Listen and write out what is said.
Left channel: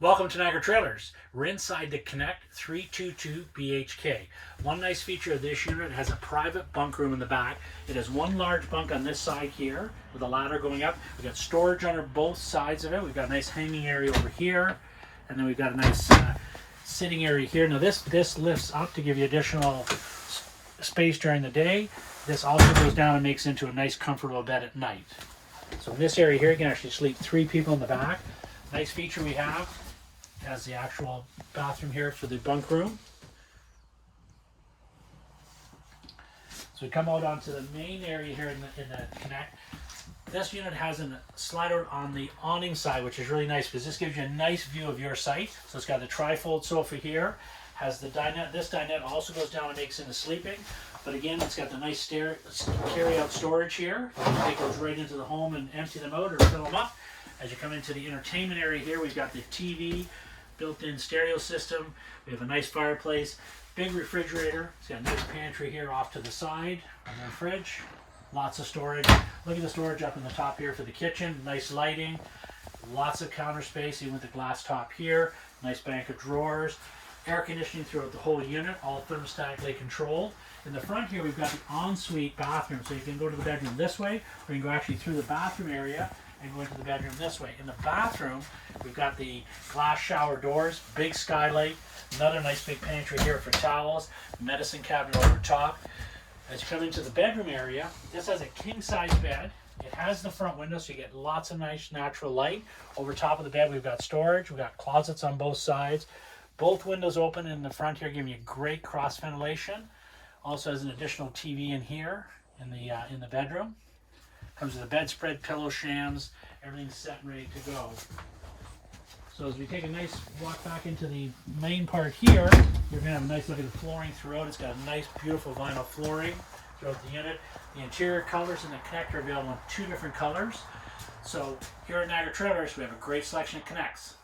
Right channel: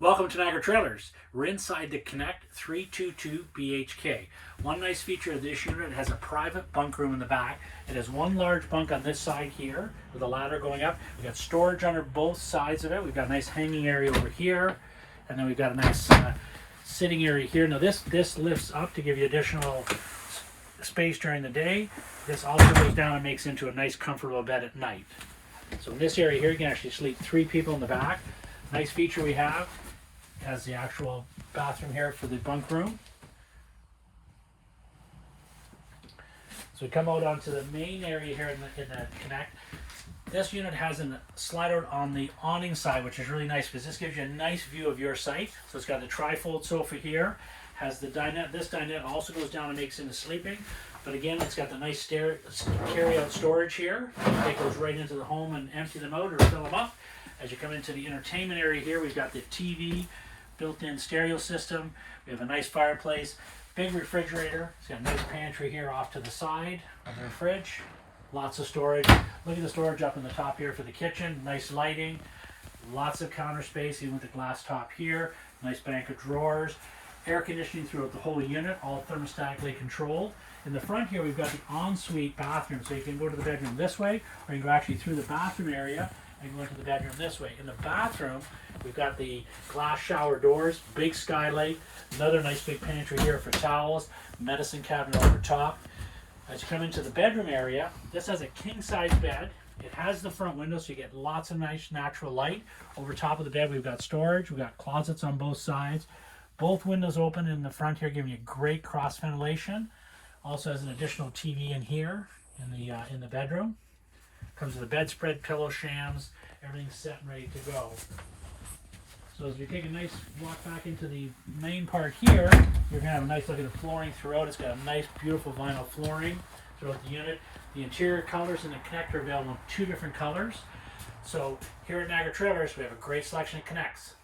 Welcome to Niagara Trailers. We're inside the Connect 322 BHK. One nice feature of this unit, it has a private bunk room in the back. It has one large bunk on this side here with a ladder going up. We've got storage under both sides of it. We've got a nice hanging area over here, and then we've got a nice sitting area here. Now this lifts up to give you additional space during the day. This also goes down and makes into a nice comfortable bed at night. So in this area here, you can actually sleep 3 people in the back. Nice feature we have has the actual bathroom here for the bunk room. So we come out onto the main area here in the Connect. This unit has a slider on the awning side, which is really nice because this gives you a nice view of your site. So it's got the tri-fold sofa here, has the dinette. This dinette also goes down and makes into sleeping. But again, it's got the nice carry-out storage here. It goes right into the home and empty them out or fill them up. As you come into the entertainment area here, we've got the TV, built-in stereo system. We have a nice fireplace, big refrigerator. It's got a nice pantry here off to the side under the fridge. Lots of storage. Look at the storage up in the top here for the kitchen. Nice lighting. Lots of counter space, even with the glass top here. Nice bank of drawers. Air conditioning throughout the whole unit, all thermostatically controlled. In the front here, we've got the ensuite bathroom. So you can go to the bedroom this way, or you can go actually through the bathroom area and go into the bedroom this way. In the bathroom, we've got the glass shower doors, big skylight, another nice big pantry here for towels, medicine cabinet over top. As you come into the bedroom area, this has a king-size bed. It has the front window, so you get lots of nice natural light. Over top of the bed, we've got storage. We've got closets on both sides. Both windows open in the front here, giving you great cross ventilation. Also has an additional TV in here in the bedroom. Comes with a bedspread, pillow shams, everything's set and ready to go. So as we take a nice walk back into the main part here, you're going to have a nice look at the flooring throughout. It's got a nice, beautiful vinyl flooring throughout the unit. The interior colors in the Connect are available in 2 different colors. So here at Niagara Trailers, we have a great selection of Connects.